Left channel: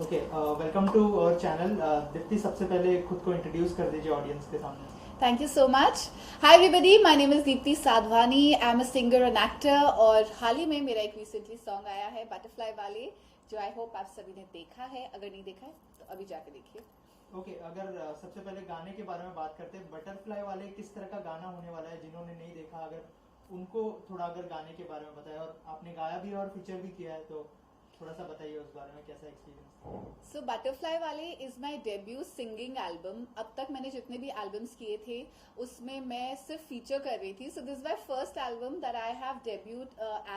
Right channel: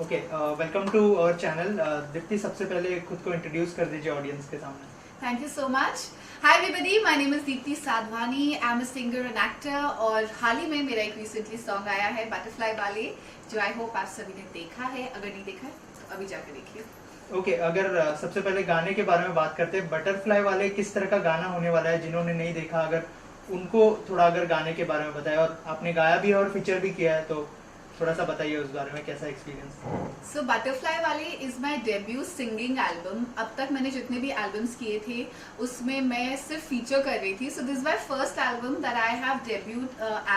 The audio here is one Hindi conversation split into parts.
Okay, welcome to our channel. Deepti, सबसे पहले खुद को इंट्रोड्यूस कर दीजिए ऑडियंस के सामने। Thank you so much. Hi everybody, my name is Deepti Sadhwani. I'm a singer and actor और हाल ही में मेरा एक recently song आया है Butterfly वाले, जो I hope आप सभी ने देखा है। अगर नहीं देखा है तो अभी जाकर देखिए। ओके, अगर सबसे पहले गाने के बारे में बात करते हैं, बटरफ्लाई वाले किस तरह का गाना होने वाला है? जिन्होंने नहीं देखा, अगर उनको थोड़ा अगर गाने के बारे में बताया, और आपने गाया भी है और फीचर भी किया है, तो थोड़ा सा बताइए उस बारे में, कैसा एक्सपीरियंस। सो बटरफ्लाई वाले is my debut singing album. अब तक मैंने जितने भी एल्बम्स किए थे उसमें मैं सिर्फ फीचर कर रही थी। So this my first album that I have debuted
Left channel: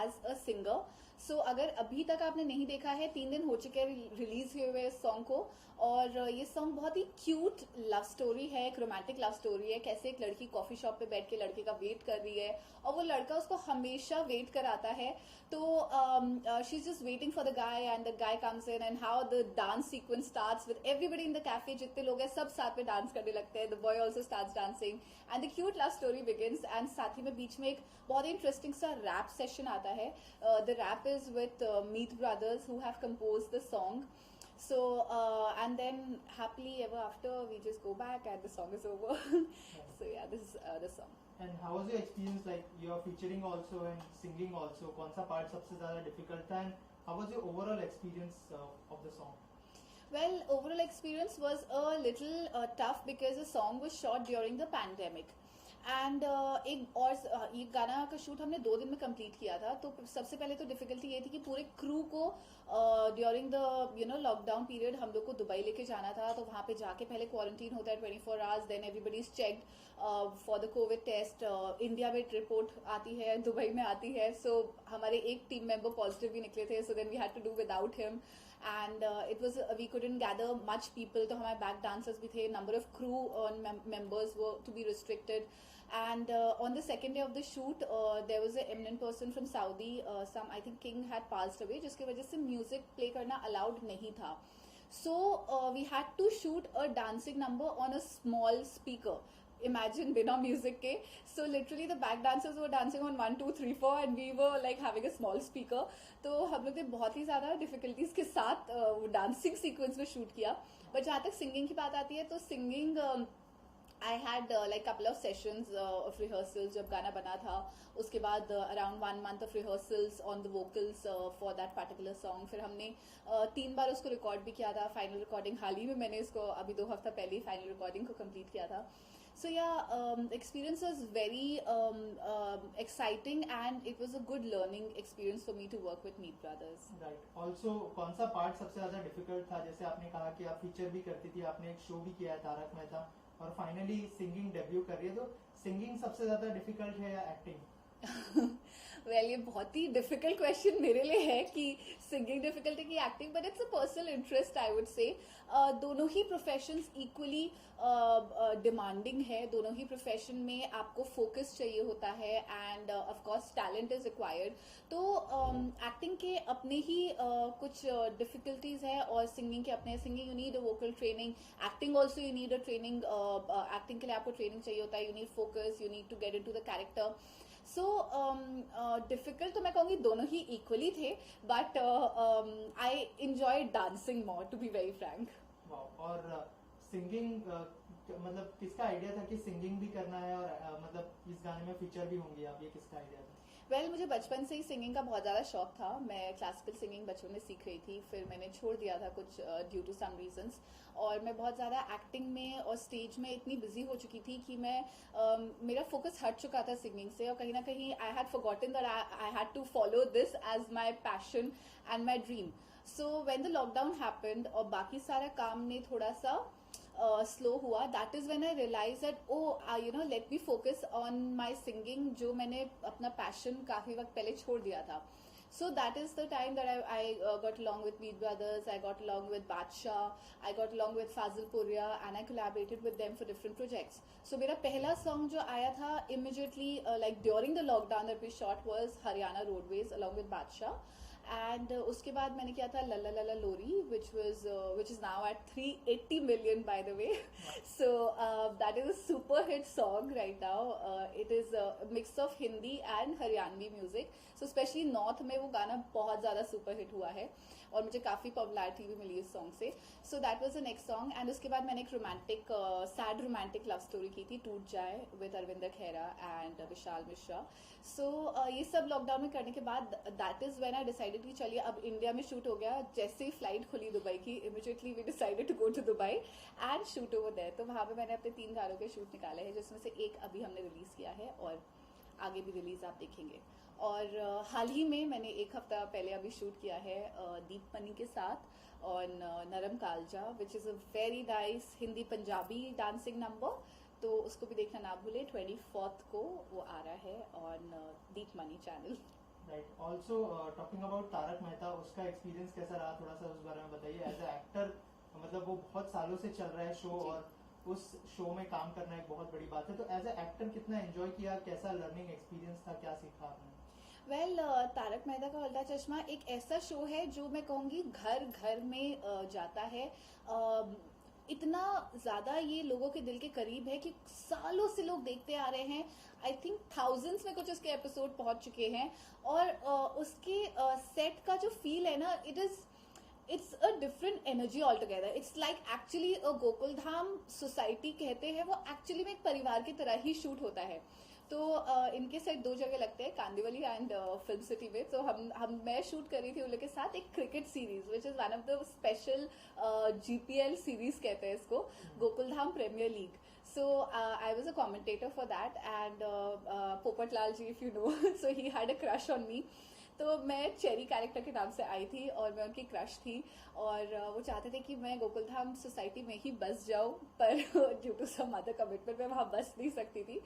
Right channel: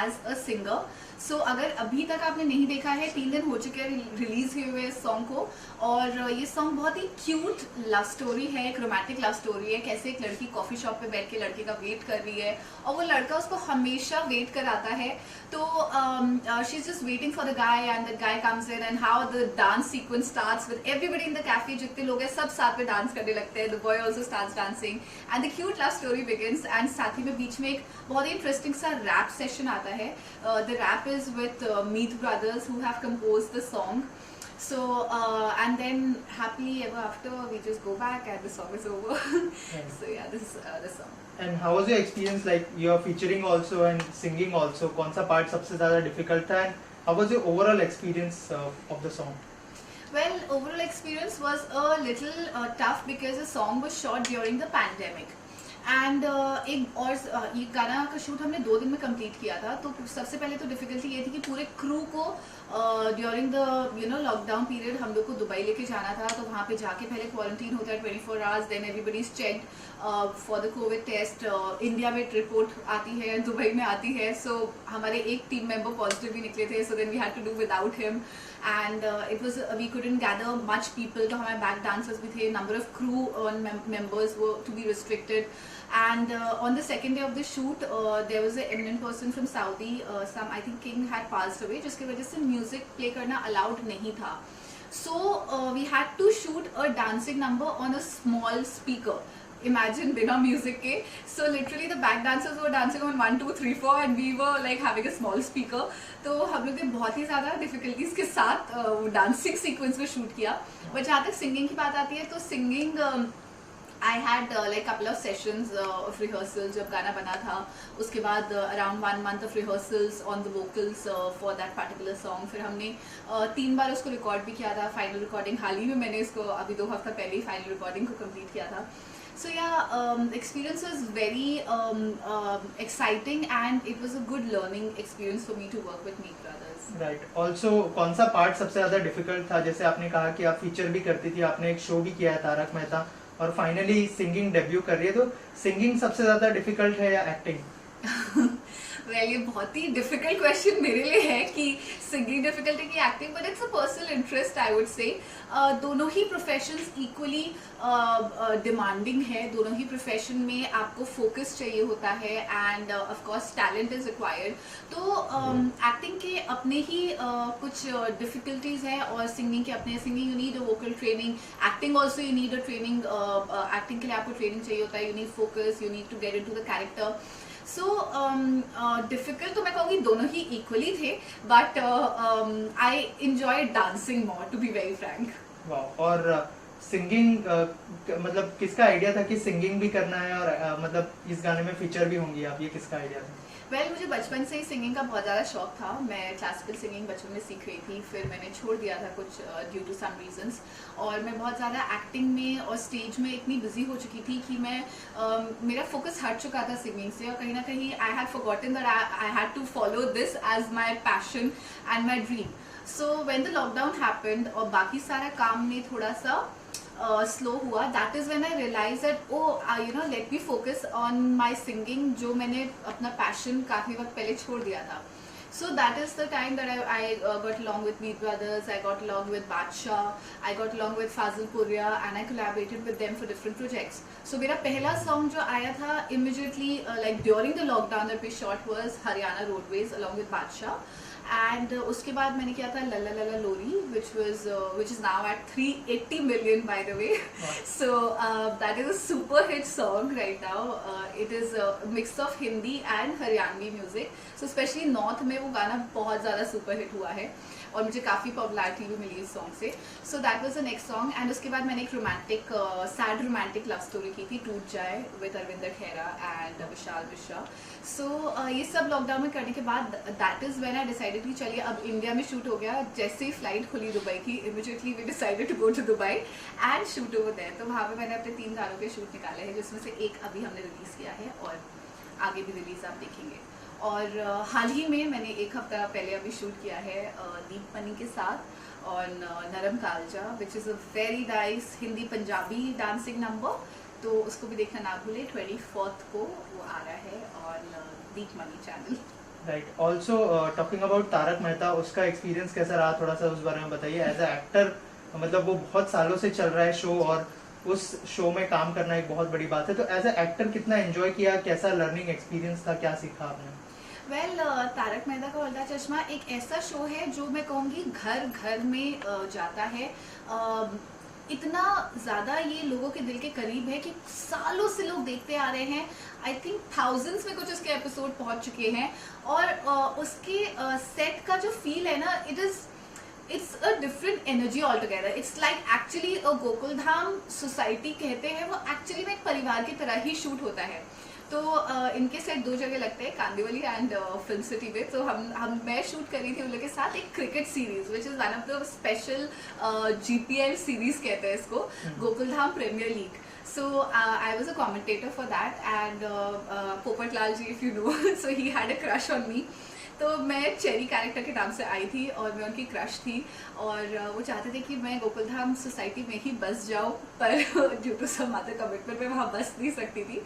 as a singer. So अगर अभी तक आपने नहीं देखा है, 3 दिन हो चुके हैं रिलीज हुए हुए इस सॉन्ग को, और ये सॉन्ग बहुत ही क्यूट लव स्टोरी है, एक रोमांटिक लव स्टोरी है। कैसे एक लड़की कॉफी शॉप पे बैठ के लड़के का वेट कर रही है और वो लड़का उसको हमेशा वेट कराता है। तो she is just waiting for the guy and the guy comes in, and how the dance sequence starts with everybody in the cafe. जितने लोग हैं सब साथ में डांस करने लगते हैं। The boy also starts dancing and the cute love story begins. And साथ ही में बीच में एक बहुत ही इंटरेस्टिंग सा रैप सेशन आता है। The rap is with Meet brothers who have composed the song. So and then happily ever after we just go back and the song is over. So yeah, this is the song. And how was your experience, like you are featuring also and singing also? कौन सा part सबसे ज़्यादा difficult था, and how was your overall experience of the song? Well, overall experience was a little tough because the song was shot during the pandemic. And एक और ये गाना का शूट हमने 2 दिन में कंप्लीट किया था। तो सबसे पहले तो डिफिकल्टी ये थी कि पूरे क्रू को ड्यूरिंग द लॉकडाउन पीरियड हम लोग को दुबई लेके जाना था। तो वहाँ पे जाके पहले क्वारंटीन होता है 24 hours, then everybody is checked for the covid test. India में रिपोर्ट आती है, दुबई में आती है। सो हमारे एक टीम मेंबर पॉजिटिव भी निकले थे, so then we had to do without him. And it was we couldn't gather much people. तो हमारे बैक डांसर्स भी थे, नंबर ऑफ क्रू मेंबर्स वो to be restricted. And on the second day of the shoot, there was an eminent person from Saudi, some I think king had passed away, जिसकी वजह से music play करना allowed नहीं था. So we had to shoot a dancing number on a small speaker. Imagine बिना music के. So literally the back dancers were dancing on 1, 2, 3, 4 and we were like having a small speaker. तो हम लोग ने बहुत ही ज़्यादा difficulties के साथ वो dancing sequence को shoot किया. But जहाँ तक singing की बात आती है, तो singing I had like couple of sessions of rehearsals जब गाना बना था. उसके बाद around 1 month of rehearsals on the vocals for that particular song. फिर हमने 3 बार उसको रिकॉर्ड भी किया था. फाइनल रिकॉर्डिंग हाल ही में मैंने इसको अभी 2 हफ्ता पहले ही फाइनल रिकॉर्डिंग को कंप्लीट किया था. So yeah, experience was very exciting and it was a good learning experience for me to work with Meet Brothers. Right. Also, कौन सा पार्ट सबसे ज़्यादा डिफिकल्ट था? जैसे आपने कहा कि आप फीचर भी करती थी, आपने एक शो भी किया है तारक मेहता, और फाइनली सिंगिंग डेब्यू कर रही है, तो सिंगिंग सबसे ज़्यादा डिफिकल्ट है या एक्टिंग? Well, ये बहुत ही डिफिकल्ट क्वेश्चन मेरे लिए है कि सिंगिंग डिफिकल्ट है कि acting, but it's a personal interest I would say. दोनों ही प्रोफेशंस इक्वली डिमांडिंग है. दोनों ही प्रोफेशन में आपको फोकस चाहिए होता है end of course talent is required. तो एक्टिंग के अपने ही कुछ डिफिकल्टीज हैं और सिंगिंग के अपने. Singing you need a vocal training, acting also you need a training. Acting के लिए आपको ट्रेनिंग चाहिए होता है. You need focus, you need to get into the character. So difficult तो मैं कहूँगी दोनों ही इक्वली थे, but I enjoy dancing more, to be very frank. वाह. और सिंगिंग मतलब किसका आइडिया था कि सिंगिंग भी करना है, और मतलब इस गाने में फीचर भी होंगी आप, ये किसका आइडिया था? वेल, मुझे बचपन से ही सिंगिंग का बहुत ज़्यादा शौक था. मैं क्लासिकल सिंगिंग बचपन में सीख रही थी, फिर मैंने छोड़ दिया था कुछ ड्यू टू सम रीजंस. और मैं बहुत ज़्यादा एक्टिंग में और स्टेज में इतनी बिजी हो चुकी थी कि मैं मेरा फोकस हट चुका था सिंगिंग से, और कहीं ना कहीं I had forgotten that I had to follow this as my passion and my dream. So when the lockdown happened और बाकी सारा काम में थोड़ा सा स्लो हुआ, that is when I realise that let me focus on my singing, जो मैंने अपना पैशन काफी वक्त पहले छोड़ दिया था. So that is the time that I got along with Meet Brothers, I got along with Badshah, I got along with Fazil Puria, and I collaborated with them for different projects. So मेरा पहला song जो आया था immediately like during the lockdown that we shot was Haryana Roadways along with Badshah. And उसके बाद मैंने किया था लला लला लोरी, which is now at 380 million by the way. So that is a super hit song right now. It is a mix of Hindi and Haryanvi music. So especially North में वो गाना बहुत ज़्यादा super hit हुआ है. और मुझे काफ़ी पॉपुलैरिटी भी मिली इस सॉन्ग से. So that was the next song. And उसके बाद मैंने एक romantic sad romantic love story की थी, टूट जाए, with Arvinder Khera and Vishal Mishra. So ये सब लॉकडाउन में करने के बाद that is when I decided कि चलिए अब इंडिया में शूट हो गया. जैसे ही फ्लाइट खुली दुबई की, immediately we decided to go to Dubai and shoot over there. तो वहाँ पे मैंने अपने 3 गानों के शूट निकाले हैं, जिसमें से एक अभी हमने रिलीज़ किया है और आगे भी रिलीज़ आप देखेंगे. और हाल ही में मैंने एक हफ्ता पहले अभी शूट किया है दीप मनी के साथ और Naram Kalja, which is a very nice Hindi Punjabi dancing number. तो उसको भी देखना ना भूले. 24th को वो आ रहा है on Deep money channel. Right. Also talking about Tarak Mehta, उसका एक्सपीरियंस कैसा रहा, थोड़ा सा उस बारे में बताइए. एज अ एक्टर मतलब वो बहुत सालों से चल रहा है शो और उस शो में काम करना एक बहुत बड़ी बात है. तो एज अ एक्टर कितना एंजॉय किया, कैसा लर्निंग एक्सपीरियंस था, क्या सीखा आपने? वेल तारक मेहता का उल्टा चश्मा एक ऐसा शो है जो मैं कहूँगी घर घर में जाता है. इतना ज़्यादा ये लोगों के दिल के करीब है कि सालों से लोग देखते आ रहे हैं. आई थिंक थाउजेंड्स में कुछ उसके एपिसोड पहुंच चुके हैं. और उसके सेट का जो फील है ना, it's a different energy all together. It's like actually a Gokuldham society कहते हैं, वो एक्चुअली में एक परिवार की तरह ही शूट होता है. तो इनके सेट 2 जगह लगते हैं, कांदिवली एंड फिल्म सिटी में. तो मैं शूट करी थी उन लोग के साथ एक cricket series which is one of the special GPL series कहते हैं इसको, Gokuldham premier league. So I was a commentator for that and Popat Lal ji, if you know, so he had a crush on me. तो मैं चेरी कैरेक्टर के नाम से आई थी और मैं उनकी क्रश थी. और वो चाहते थे कि मैं गोकुलधाम सोसाइटी में ही बस जाऊँ, पर due to some other commitment मैं वहाँ बस नहीं सकती थी.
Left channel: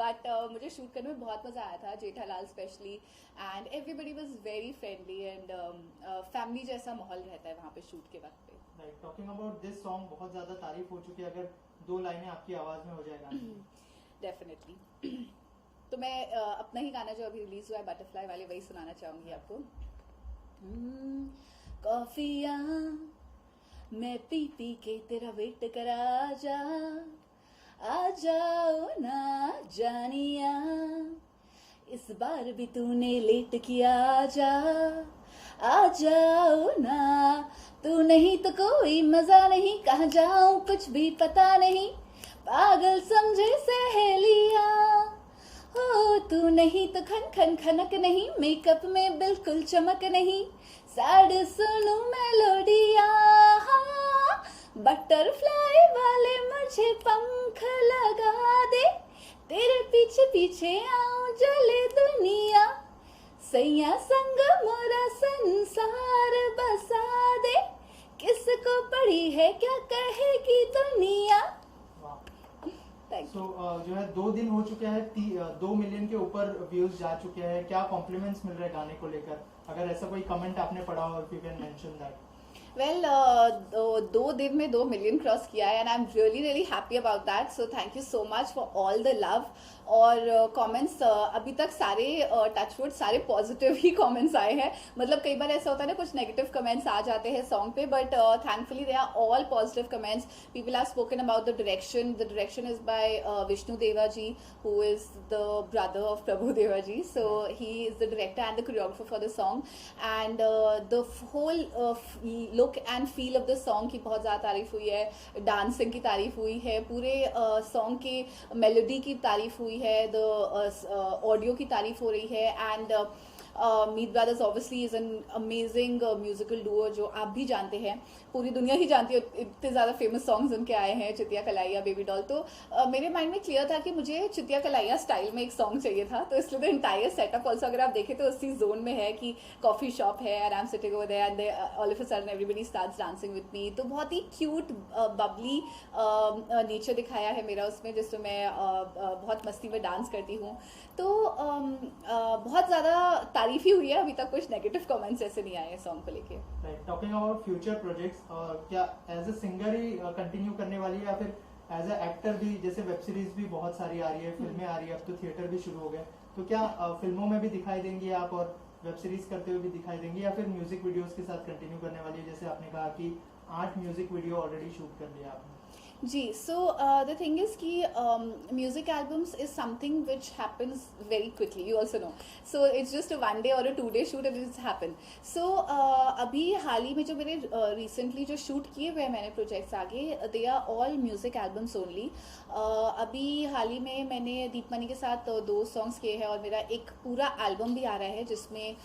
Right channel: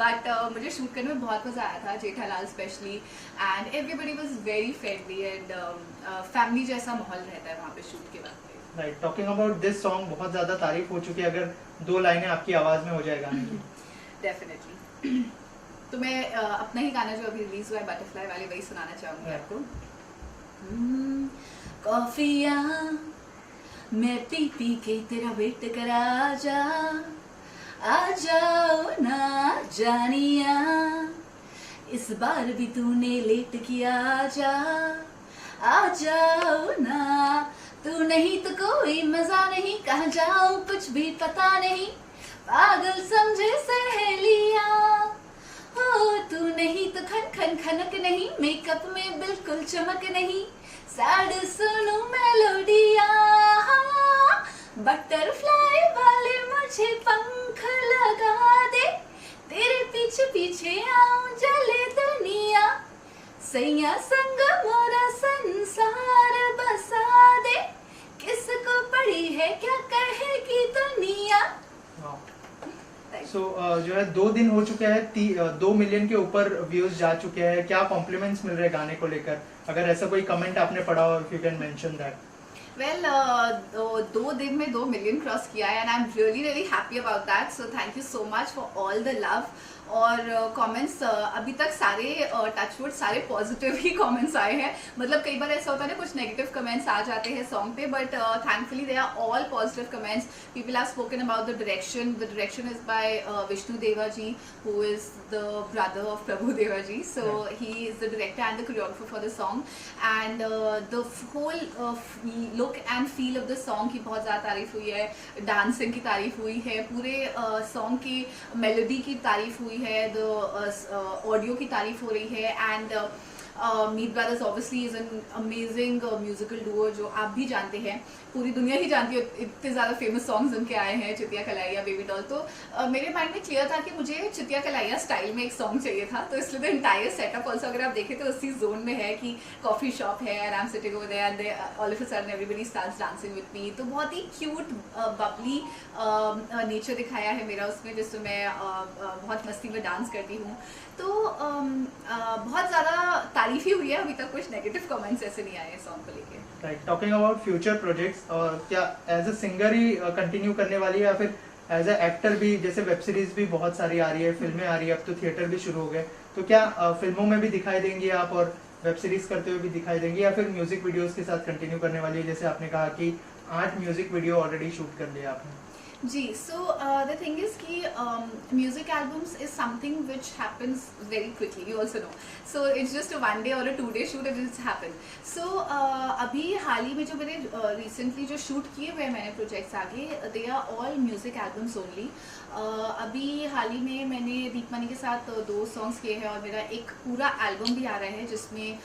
बट मुझे शूट करने में बहुत मज़ा आया था, Jethalal specially. And everybody was very friendly and family जैसा माहौल रहता है वहाँ पे शूट के वक्त पे. Right. Talking about this song, बहुत ज़्यादा तारीफ हो चुकी है. अगर 2 लाइनें आपकी आवाज़ में हो जाए गाने की? डेफिनेटली. तो मैं अपना ही गाना जो अभी रिलीज हुआ है बटरफ्लाई वाले, वही सुनाना चाहूंगी आपको. कॉफिया मैं पी पी के तेरा वेट करा आ जाओ ना जानिया, इस बार भी तूने लेट किया, आ जाओ ना. तू नहीं तो कोई मजा नहीं, कहाँ जाऊं कुछ भी पता नहीं, पागल समझे सहेलिया. हो तू नहीं तो खन खन खनक नहीं, मेकअप में बिल्कुल चमक नहीं, सैड सुनू मेलोडिया. बटरफ्लाई वाले मुझे पंख लगा दे, तेरे पीछे पीछे आऊं जले दुनिया, सैया संग मोरा संसार बसा दे, किसको पड़ी है क्या कहेगी दुनिया. सो जो है 2 दिन हो चुके हैं, 2 मिलियन के ऊपर व्यूज जा चुके हैं. क्या कॉम्प्लीमेंट्स मिल रहे हैं गाने को लेकर? अगर ऐसा कोई कमेंट आपने पढ़ा हो, if you can mention that. Well 2 दिन में 2 मिलियन क्रॉस किया है and I am really happy about that. So thank you so much for all the love. और कमेंट्स अभी तक सारे टचवुड सारे पॉजिटिव ही कमेंट्स आए हैं. मतलब कई बार ऐसा होता है ना, कुछ नेगेटिव कमेंट्स आ जाते हैं सॉन्ग पे, but thankfully they are all positive comments. People have spoken about the direction is by Vishnu Deva ji, who is the brother of Prabhu Deva ji. So he is the director and the choreographer for the song. And the whole look and feel of the song की बहुत ज़्यादा तारीफ हुई है, डांसिंग की तारीफ हुई है, पूरे सॉन्ग की मेलोडी की तारीफ हुई है, द ऑडियो की तारीफ हो रही है. And Meet brothers obviously is an amazing musical Duo जो आप भी जानते हैं, पूरी दुनिया ही जानती है. इतने ज़्यादा फेमस सॉन्ग्स उनके आए हैं, चितिया कलाइया, बेबी डॉल. तो मेरे माइंड में क्लियर था कि मुझे चितिया कलाइया स्टाइल में एक सॉन्ग चाहिए था. तो इसलिए तो एंटायर सेटअप ऑल्सो अगर आप देखें तो उसी जोन में है कि कॉफी शॉप है and I am sitting over there and all of a sudden everybody starts dancing with me. तो बहुत ही क्यूट बबली नेचर दिखाया है मेरा उसमें, जिसमें मैं बहुत मस्ती में डांस करती हूँ. तो बहुत ज़्यादा तारीफ ही हुई है. अभी तक कुछ नेगेटिव कमेंट्स ऐसे नहीं आए सॉन्ग को लेके. Right. Talking about future projects, क्या एज अ सिंगर ही कंटिन्यू करने वाली है या फिर एज अ एक्टर भी? जैसे वेब सीरीज भी बहुत सारी आ रही है, फिल्में आ रही है, अब तो थिएटर भी शुरू हो गए. तो क्या फिल्मों में भी दिखाई देंगी आप और वेब सीरीज करते हुए भी दिखाई देंगी, या फिर म्यूजिक वीडियोस के साथ कंटिन्यू करने वाली है? जैसे आपने कहा कि 8 म्यूजिक वीडियो ऑलरेडी शूट कर लिया आपने. जी. सो द थिंग इज़ कि music albums is something which happens very quickly, you also know. So it's just a 1 day or a 2 day shoot and it's happened. So अभी हाल ही में जो मैंने recently जो shoot किए हुए हैं मैंने projects आगे, they are all music albums only. अभी हाल ही में मैंने दीपमणि के साथ 2 songs किए हैं और मेरा एक पूरा album भी आ रहा है जिसमें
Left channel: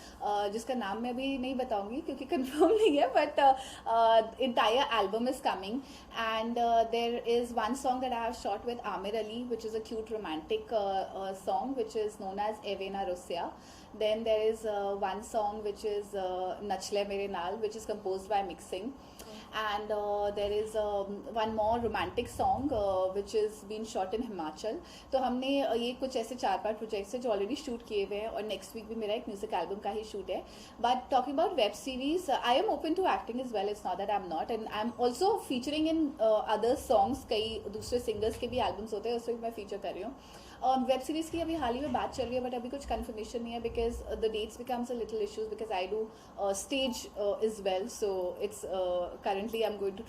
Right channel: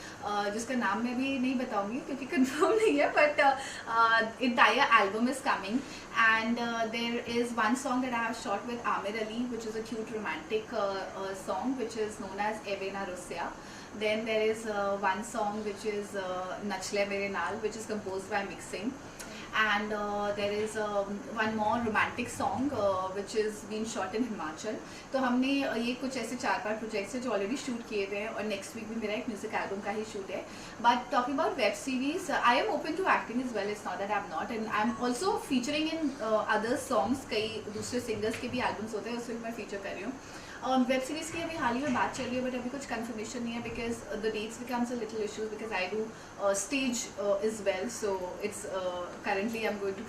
जिसका नाम मैं भी नहीं बताऊंगी क्योंकि confirm नहीं है, but entire album is coming. And there is one song that I have shot with Amir Ali, which is a cute romantic song which is known as Evena Russia. Then there is one song which is Nachle Mere Naal, which is composed by Mixing. And there is one more romantic song which is being shot in Himachal. तो हमने ये कुछ ऐसे 4-5 प्रोजेक्ट्स हैं जो ऑलरेडी शूट किए हुए हैं और नेक्स्ट वीक भी मेरा एक म्यूजिक एल्बम का ही शूट है. But talking about web series, I am open to acting as well. It's not that I am not, and I am also featuring in other songs. कई दूसरे सिंगर्स के भी एल्बम्स होते हैं, उसमें मैं फीचर कर रही हूँ. वेब सीरीज़ की अभी हाल ही में बात चल रही है बट अभी कुछ कंफर्मेशन नहीं है because the dates becomes a little issues because I do stage as well. So it's currently I'm going to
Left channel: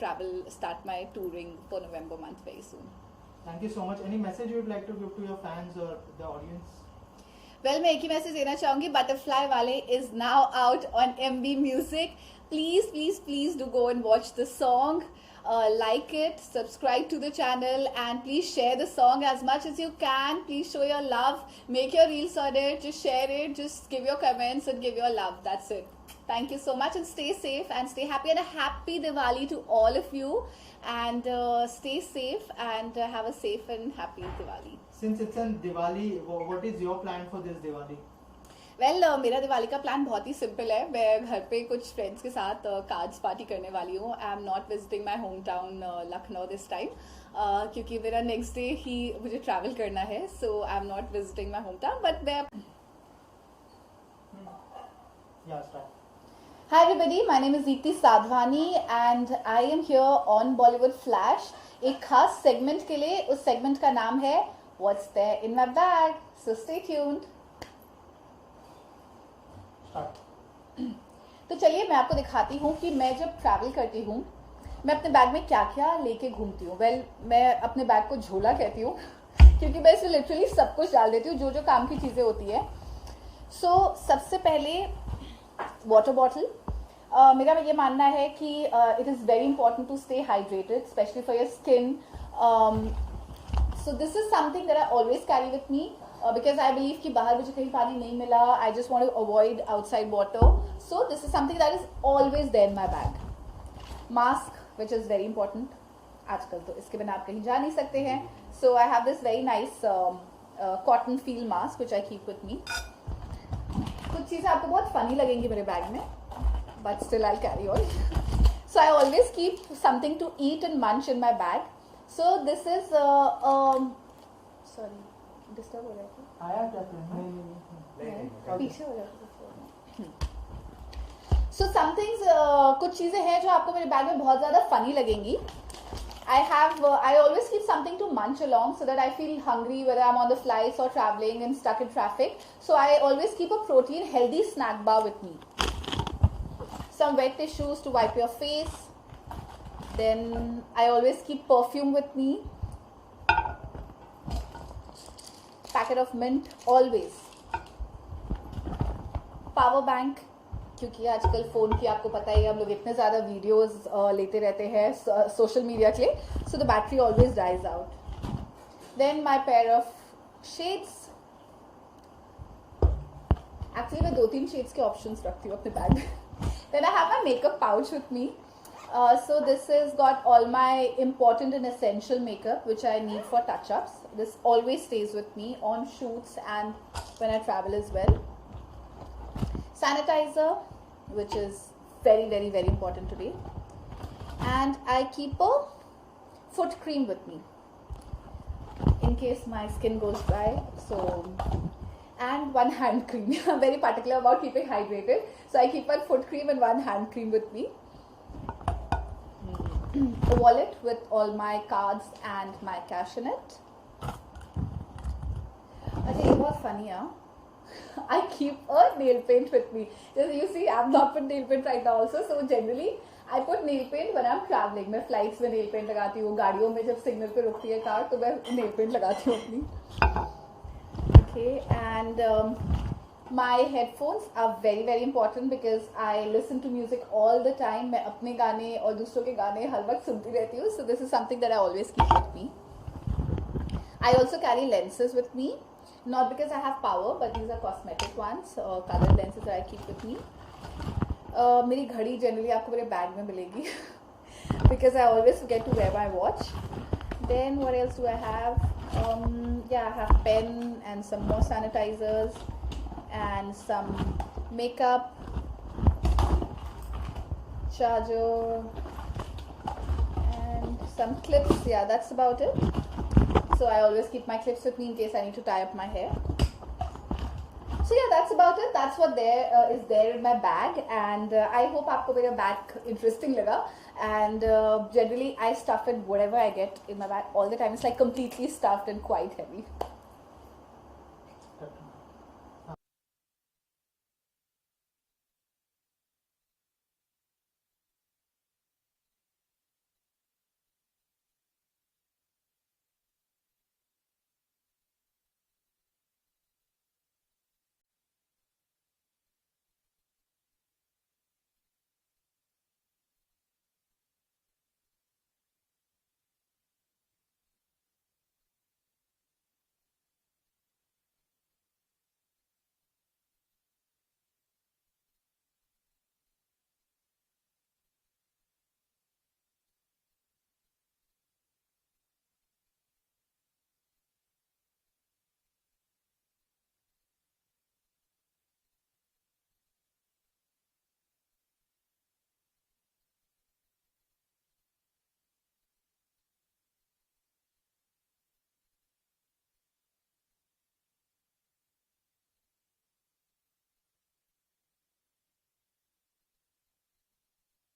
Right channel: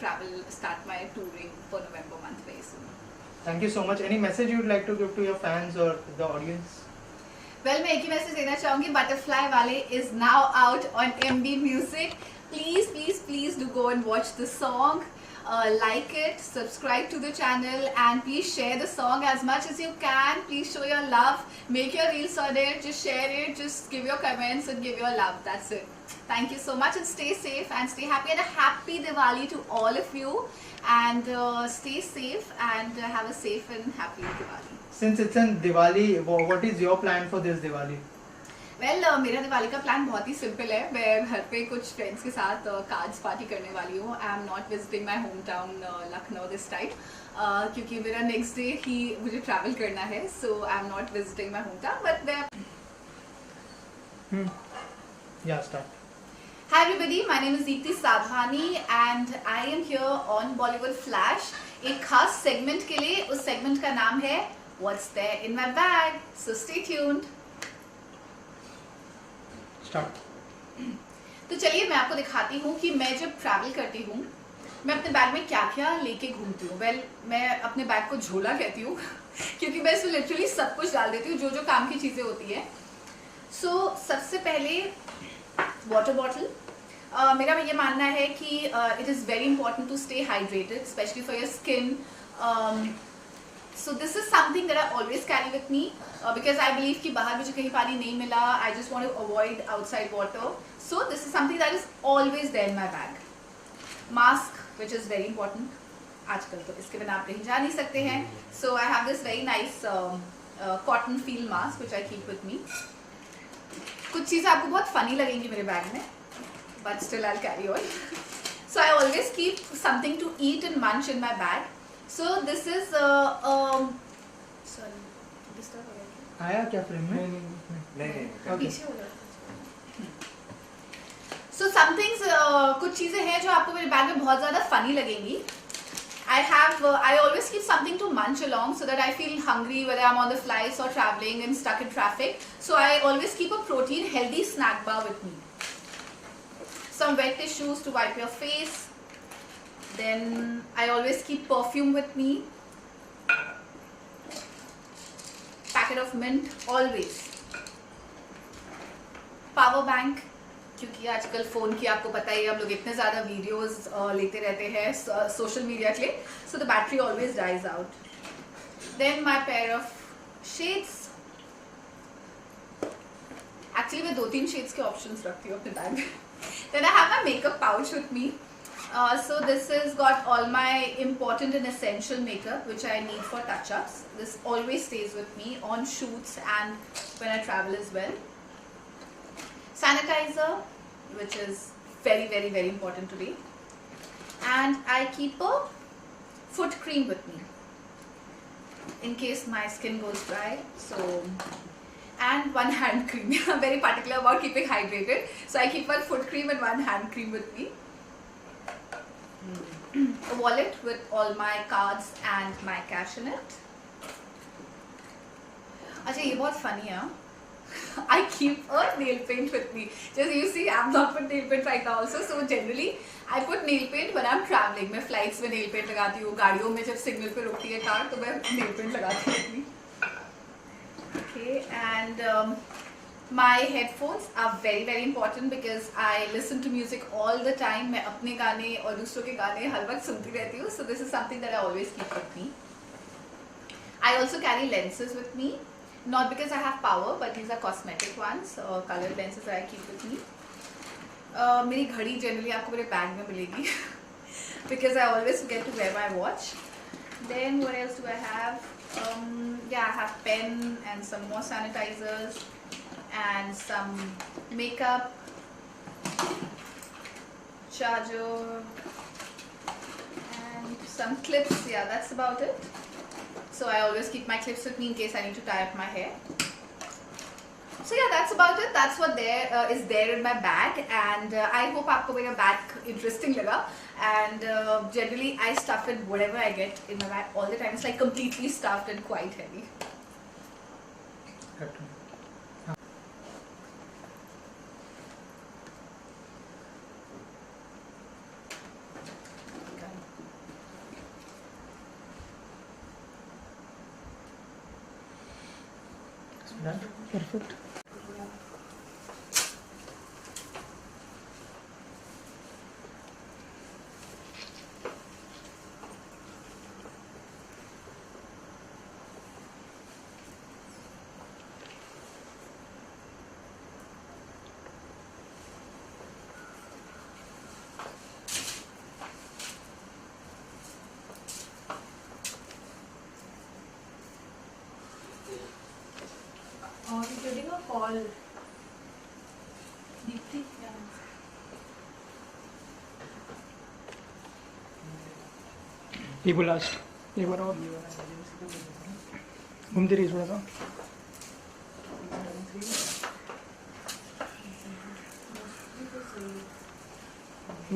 start my touring for November month very soon. Thank you so much. Any message you would like to give to your fans or the audience? Well, मैं एक ही मैसेज देना चाहूँगी. बटरफ्लाई वाले is now out on MB Music. Please do go and watch the song. Like it, subscribe to the channel, and please share the song as much as you can. Please show your love, make your reels on it, just share it, just give your comments and give your love. That's it. Thank you so much and stay safe and stay happy, and a happy Diwali to all of you, and stay safe and have a safe and happy Diwali. Since it's in Diwali, what is your plan for this Diwali? Well मेरा दिवाली का प्लान बहुत ही सिंपल है. मैं घर पे कुछ फ्रेंड्स के साथ कार्ड्स पार्टी करने वाली हूँ. I am not visiting my home town Lucknow this time क्योंकि मेरा नेक्स्ट डे ही मुझे ट्रैवल करना है. So I am not visiting my home town but Hi everybody, my name is Deepti Sadhwani and I am here on Bollywood Flash. एक खास सेगमेंट के लिए, उस सेगमेंट का नाम है What's There in My Bag. So stay tuned. तो चलिए मैं आपको दिखाती हूँ कि मैं जब ट्रैवल करती हूँ मैं अपने बैग में क्या क्या लेके घूमती हूँ. वेल मैं अपने बैग को झोला कहती हूँ क्योंकि मैं इसमें लिटरली सब कुछ डाल देती हूँ जो जो काम की चीज़ें होती है. सो सबसे पहले वाटर बॉटल. मेरा ये मानना है कि it is very important to stay hydrated specially for your skin. So this is something that I always carry with me because I believe कि बाहर मुझे कहीं पानी नहीं मिला. I just want to avoid outside water. So this is something that is always there in my bag. Mask, which is very important. आजकल तो इसके बिना आप कहीं जा नहीं सकते हैं. So I have this very nice cotton feel mask which I keep with me. कुछ चीज़ें आपको बहुत funny लगेंगी मेरे बैग में, but still I'll carry on. So I always keep something to eat and munch in my bag. So this is sorry disturb हो गया आया क्या फ्रेम में? नहीं पीछे हो रहा. So some things कुछ चीजें हैं जो आपको मेरे बैग में बहुत ज़्यादा फनी लगेंगी. I always keep something to munch along so that I feel hungry whether I'm on the flights or traveling and stuck in traffic. So I always keep a protein healthy snack bar with me. Some wet tissues to wipe your face. Then I always keep perfume with me. Packet of mint always. Power bank क्योंकि आजकल फ़ोन की आपको पता ही है हम लोग इतने ज़्यादा वीडियोस लेते रहते हैं सोशल मीडिया के लिए. So the battery always dies out. Then my pair of shades. Actually मैं 2-3 shades के options रखती हूँ अपने बैग में. Then I have my makeup pouch with me. So this has got all my important and essential makeup which I need for touch-ups. This always stays with me on shoots and when I travel as well. Sanitizer, which is very, very, very important today. And I keep a foot cream with me in case my skin goes dry. So, and one hand cream. I'm very particular about keeping hydrated. So I keep one foot cream and one hand cream with me. A wallet with all my cards and my cash in it. अच्छा ये बहुत funny है. I keep a nail paint with me. Just you see, I'm not put nail paint right now also. So generally, I put nail paint when I'm traveling. मैं flights में nail paint लगाती हूँ. गाड़ियों में जब signal पे रुकती है कार तो मैं nail paint लगाती हूँ अपनी. Okay, and and my headphones are very very important because I listen to music all the time. मैं अपने गाने और दूसरों के गाने हर वक्त सुनती रहती हूँ. So this is something that I always keep with me. I also carry lenses with me, not because I have power, but these are cosmetic ones, colored lenses that I keep with me. मेरी घड़ी generally आपको मेरे bag में मिलेगी because I always forget to wear my watch. Then what else do I have? Yeah, I have pen and some more sanitizers and some makeup, charger, and some clips. Yeah, that's about it. So I always keep my clips with me in case I need to tie up my hair. So yeah, that's about it. That's what is there in my bag, and I hope आपको मेरा bag interesting लगा. And generally I stuff it whatever I get in my bag all the time. It's like completely stuffed and quite heavy. Perfect. Getting a call. Deepti? ये बोला एक बार और घूमती रही थोड़ा सा.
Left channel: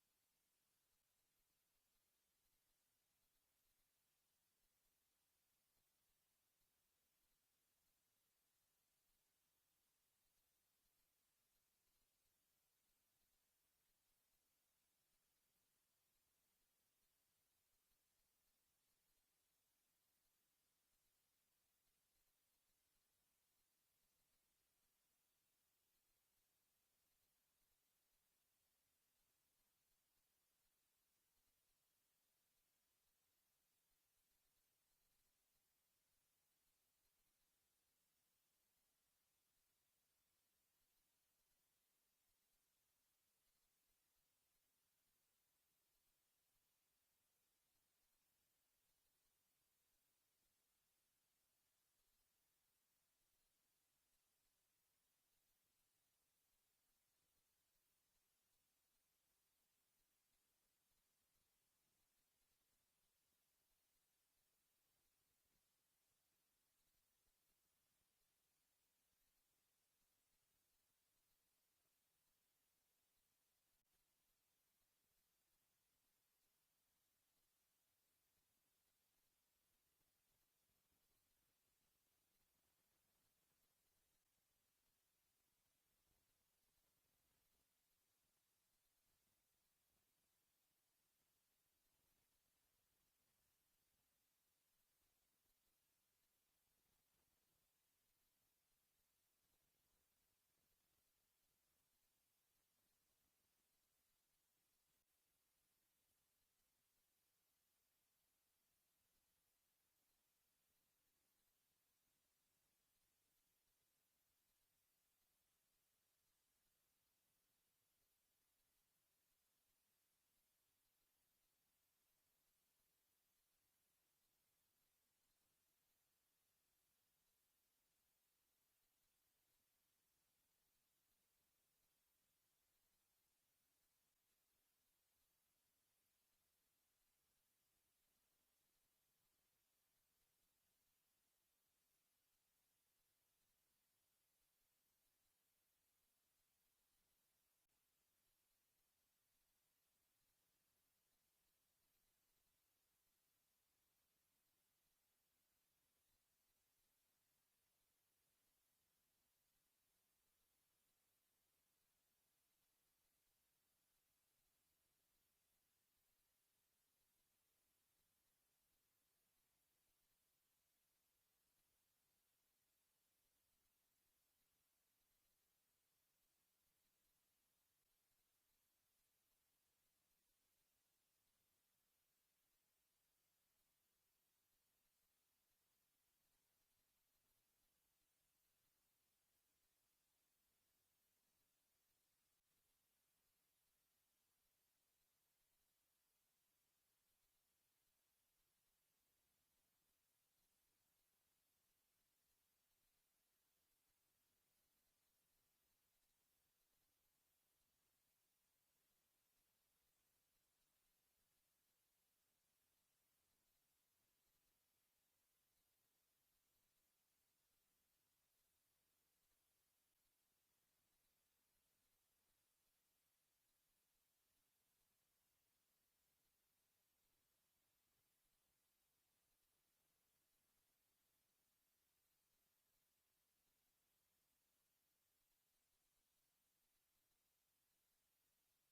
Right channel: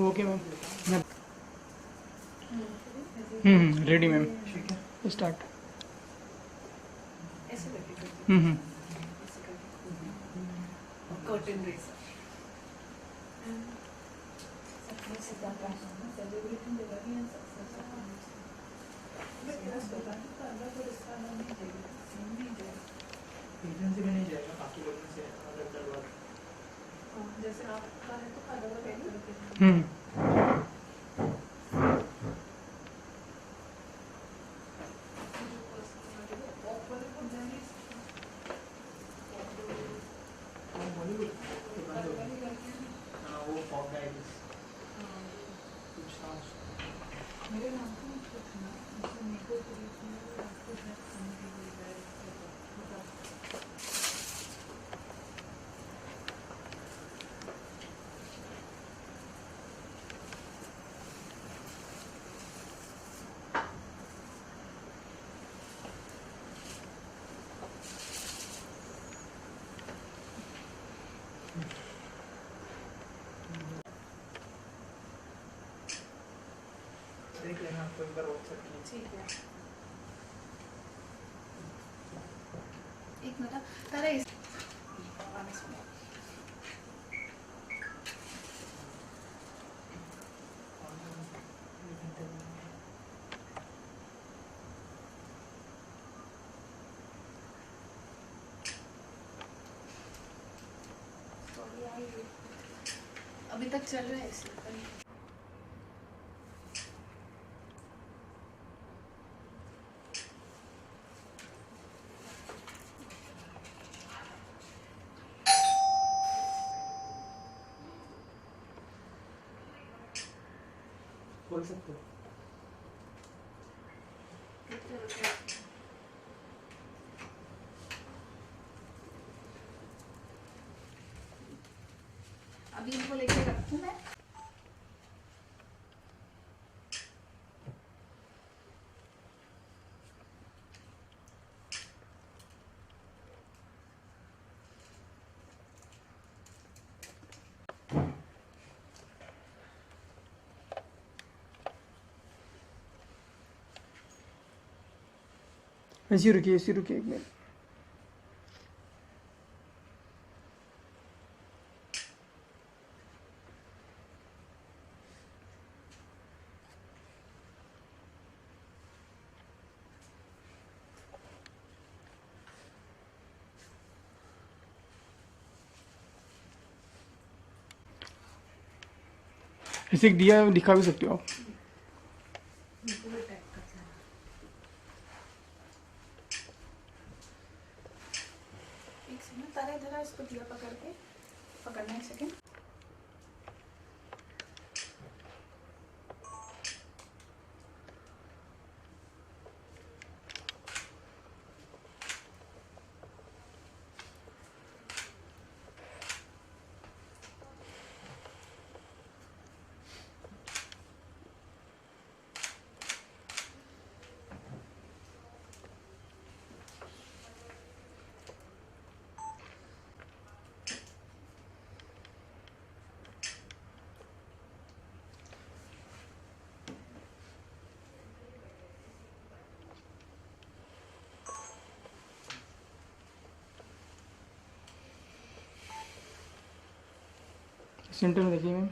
Okay ma'am. Ready ma'am. Start. Curtain raiser. Agency में नहीं जाएगा, बाकी लोगों से अलग करवा दो. जैसे आपका है तो अलग अलग हाँ, वो फॉग गाइड्स कुछ था. मेरे नाम को मत पूछना, मुझे मेको पूछना, आपको हेल्प करने के लिए देख लेना, आपको एक बार व्हाट्सएप कीजिए. ठीक है. एक मिनट तारा इस अभी तक चल रहा है इसलिए. बोल सकते हो. अभी इनको लेके रखूं मैं. ऐसी रुकिए एक मिनट. ऐसे एक दिया दिखा भी सकते हो आप। एक सेकंड, तारा इधर आ, इसको दिया पकड़ के पकड़ना, एक सेकंड। सेंटर में देखिए ma'am.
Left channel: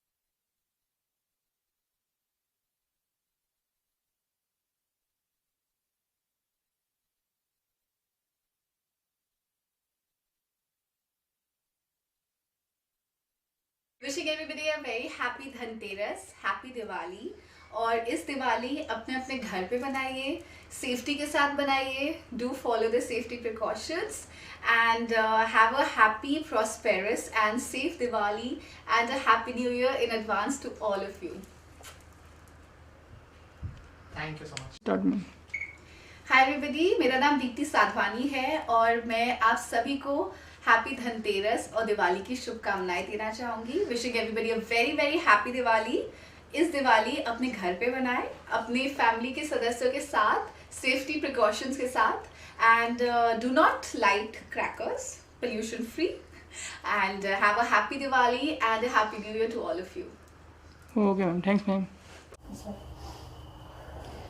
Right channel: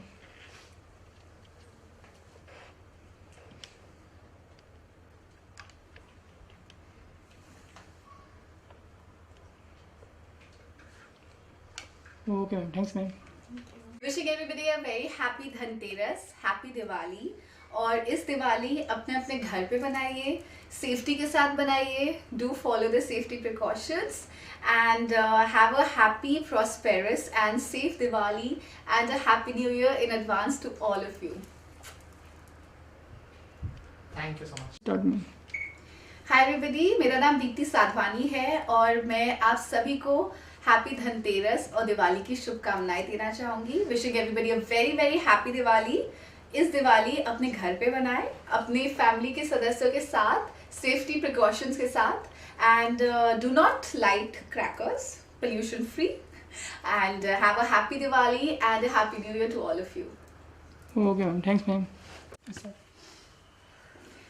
Okay ma'am, thanks ma'am. Wishing everybody a very happy Dhanteras, happy Diwali. और इस दिवाली अपने अपने घर पे बनाइए, सेफ्टी के साथ बनाइए, do follow the safety precautions and have a happy prosperous and safe Diwali and a happy new year in advance to all of you. Thank you so much. Start ma'am. Hi everybody, मेरा नाम दीप्ति साधवानी है और मैं आप सभी को हैप्पी धनतेरस और दिवाली की शुभकामनाएं देना चाहूंगी। Wishing everybody a very very happy Diwali. इस दिवाली अपने घर पे बनाएं, अपने फैमिली के सदस्यों के साथ, सेफ्टी प्रिकॉशंस के साथ and do not light crackers, pollution free and have a happy Diwali and a happy new year to all of you. Okay ma'am, thanks ma'am.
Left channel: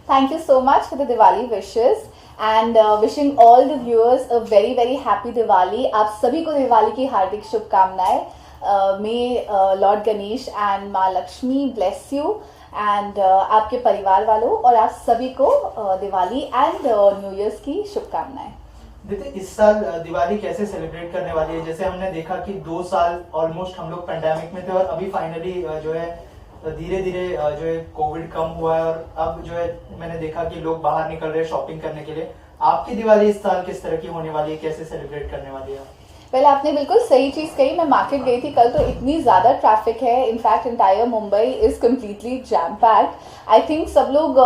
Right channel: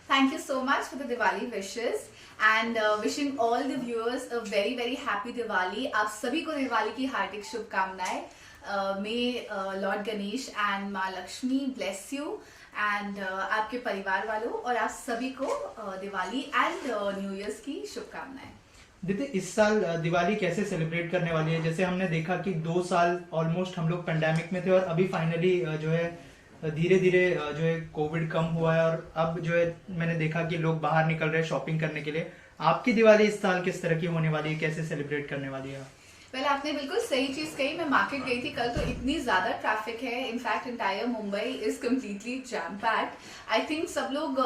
Thank you so much for the Diwali wishes and wishing all the viewers a very very happy Diwali। आप सभी को दिवाली की हार्दिक शुभकामनाएं। May Lord Ganesh and माँ लक्ष्मी bless you and आपके परिवार वालों और आप सभी को दिवाली एंड न्यू ईयर्स की शुभकामनाएं। दीदी, इस साल दिवाली कैसे सेलिब्रेट करने वाली है? जैसे हमने देखा कि 2 साल ऑलमोस्ट हम लोग पेंडेमिक में थे और अभी फाइनली जो है धीरे धीरे जो है कोविड कम हुआ है और अब जो है मैंने देखा कि लोग बाहर निकल रहे हैं शॉपिंग करने के लिए। आपकी दिवाली इस साल किस तरह की होने वाली है, कैसे सेलिब्रेट करने वाली है? पहले आपने बिल्कुल सही चीज कही। मैं मार्केट गई थी कल, तो इतनी ज्यादा ट्रैफिक है। In fact entire Mumbai is completely jam packed. I think सब लोग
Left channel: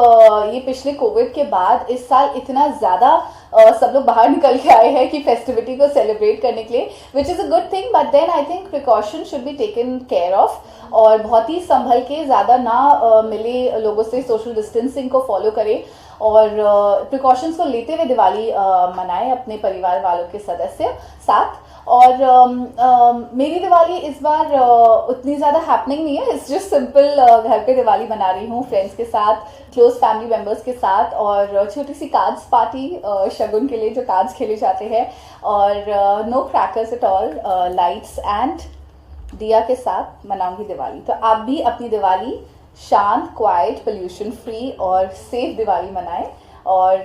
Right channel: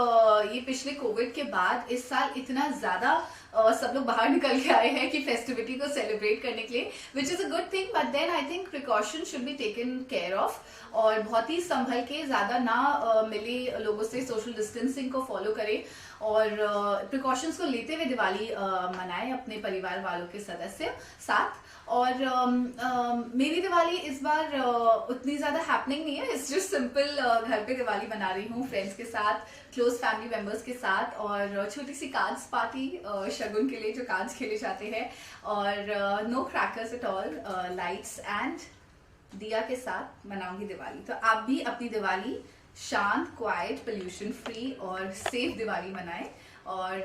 ये पिछले कोविड के बाद इस साल इतना ज्यादा सब लोग बाहर निकल के आए हैं कि फेस्टिविटी को सेलिब्रेट करने के लिए, which is a good thing. But then I think precaution should be taken care of और बहुत ही संभल के, ज्यादा ना मिले लोगों से, सोशल डिस्टेंसिंग को फॉलो करें और प्रिकॉशंस को लेते हुए दिवाली मनाएं अपने परिवार वालों के सदस्य साथ। और मेरी दिवाली इस बार उतनी ज़्यादा हैपनिंग नहीं है। इट्स जस्ट सिंपल, घर पे दिवाली बना रही हूँ फ्रेंड्स के साथ, क्लोज फैमिली मेम्बर्स के साथ और छोटी सी कार्ड्स पार्टी शगुन के लिए जो कार्ड्स खेले जाते हैं और no crackers at all, lights and diya के साथ मनाऊंगी दिवाली। तो आप भी अपनी दिवाली शांत, क्वाइट, पोल्यूशन फ्री और सेफ दिवाली मनाएं और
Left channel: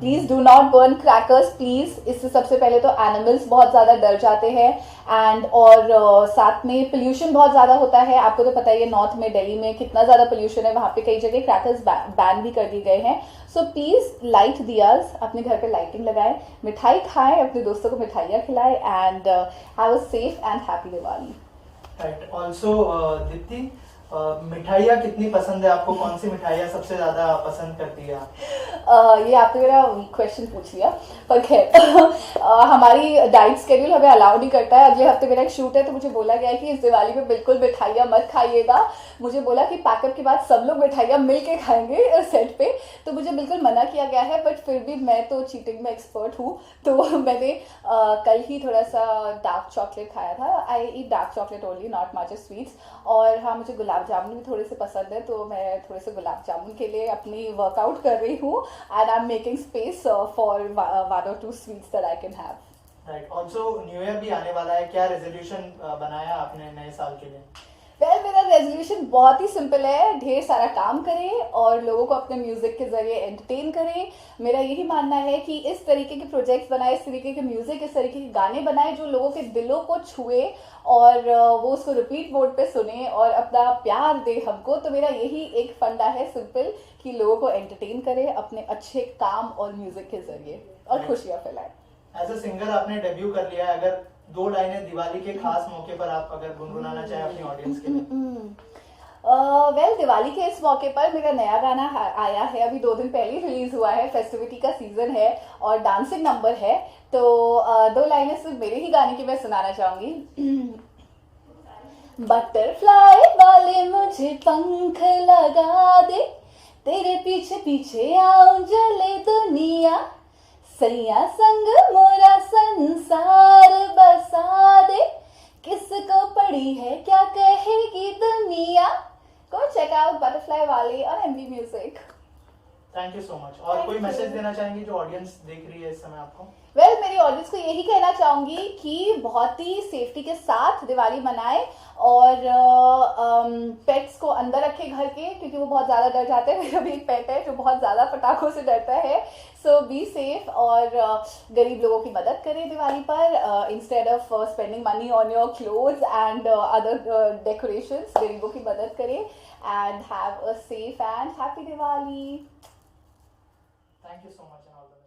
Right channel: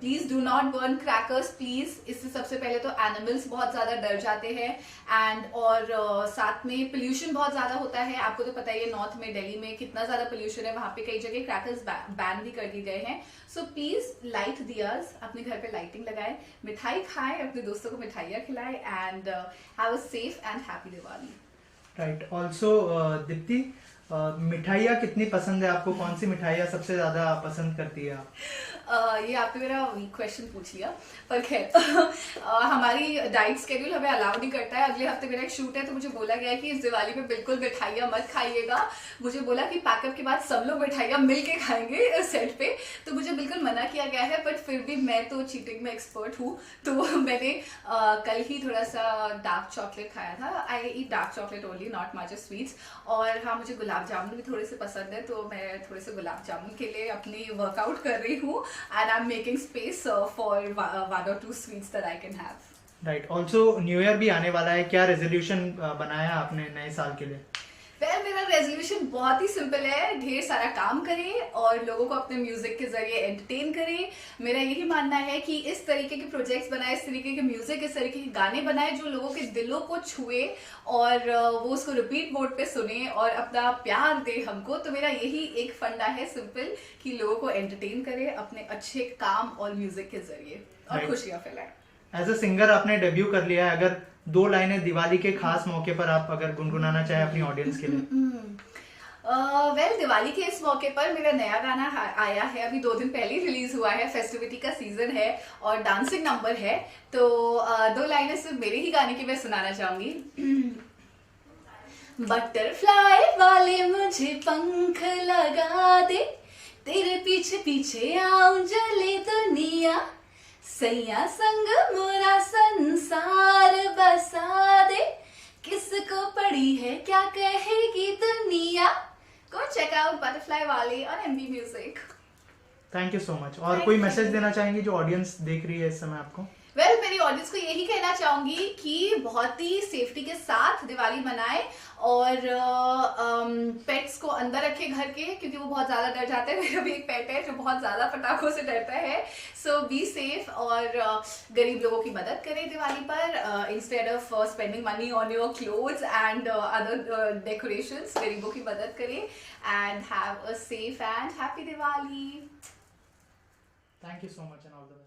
please do not burn crackers please. इससे सबसे पहले तो एनिमल्स बहुत ज्यादा डर जाते हैं एंड और साथ में पोल्यूशन बहुत ज्यादा होता है। आपको तो पता ही है नॉर्थ में, दिल्ली में कितना ज्यादा पोल्यूशन है, वहां पे कई जगह क्रैकर्स बैन भी कर दिए गए हैं। सो प्लीज लाइट दियाज, अपने घर पे लाइटिंग लगाएं, मिठाई खाएं, अपने दोस्तों को मिठाइयाँ खिलाएं and have a safe and happy Diwali. Right. Also Deepti, मिठाइयाँ कितनी पसंद है आपको? कौन सी मिठाइयाँ सबसे ज्यादा पसंद करती है आप? ये आपने मेरा वीक क्वेश्चन पूछ लिया, पर खैर हमारी डाइट स्केड्यूल हमें अलाउ नहीं करता है। अगले हफ्ते मेरा एक शूट है तो मुझे बोला गया है कि इस दिवाली में बिल्कुल मिठाइयाँ मत खाइएगा। मुझे बोला कि पैकअप के बाद सब लोग मिठाइयाँ मिल के खाएंगे सेट पे, तो मुझे बिल्कुल मना किया गया है। बट फिर भी मैं तो चीटिंग में एक्सपर्ट हूँ, तो मैंने कल ही थोड़ा सा डार्क चॉकलेट खाया था। I eat dark chocolate only, not much sweets. और हाँ, मुझे गुलाब जामुन भी थोड़े से पसंद है, तो मैं थोड़े से गुलाब जामुन के लिए अपनी वर्कआउट कर रही हूँ and I'm making space for one or two sweets that I can have. Right. Also new year भी आने वाला है, क्या रेजोल्यूशन बनाया आपने नए साल के लिए? वेल मेरा रेजोल्यूशन बहुत ही सिंपल है, ढेर सारा काम करें और लोगों को अपने म्यूजिक के जरिए एंटरटेन करें। मेरा यही मानना है कि इस तरीके के प्रोजेक्ट्स बनाए, इस तरीके के म्यूजिक, इस तरीके के गाने बनाए जो लोगों के दिलों को छुए और वो उसको रिपीट मोड पे सुने और अपना प्यार दे हमको। तो मेरा यही एक फंडा है सिंपल, कि लोगों को एंटरटेन करें अपने अच्छे काम और म्यूजिक के जरिए और खुशियाँ फैलाएं। एज अ सिंगर आपने डेब्यू कर लिया है, अगर 2 लाइनें दिवाली के खास मौके पर आप अगर गुनगुनाना चाहे अपनी ऑडियंस के लिए। वेल दिवाली के इस मौके पर मेरा नया गाना आया है, अभी 2 दिन पहले रिलीज हुआ है, फेस्टिविटी का सीजन है और डांसिंग नंबर है। तो 2 लाइनें सिर्फ मेरे ही गाने की मैं सुनाना चाहूंगी। बटरफ्लाई वाले मुझे पंख लगा दे, तेरे पीछे पीछे आऊं जले दुनिया, सैया संग मोरा संसार बसा दे, किसको पड़ी है क्या कहेगी दुनिया। Go check out Butterfly वाले on MB Music। Thank you so much. और कोई मैसेज देना चाहेंगे जो ऑडियंस देख रही है इस समय आपको? वेल मेरी ऑडियंस को यही कहना चाहूंगी कि बहुत ही सेफ्टी के साथ दिवाली मनाएं और पेट्स को अंदर रखें घर के, क्योंकि वो बहुत ज़्यादा डर जाते हैं। मेरा भी एक पेट है जो बहुत ज़्यादा पटाखों से डरता है। सो बी सेफ और गरीब लोगों की मदद करें दिवाली पर, instead of spending money on your clothes and other decorations, गरीबों की मदद करें and have a safe and happy Diwali. Thank you so much and all the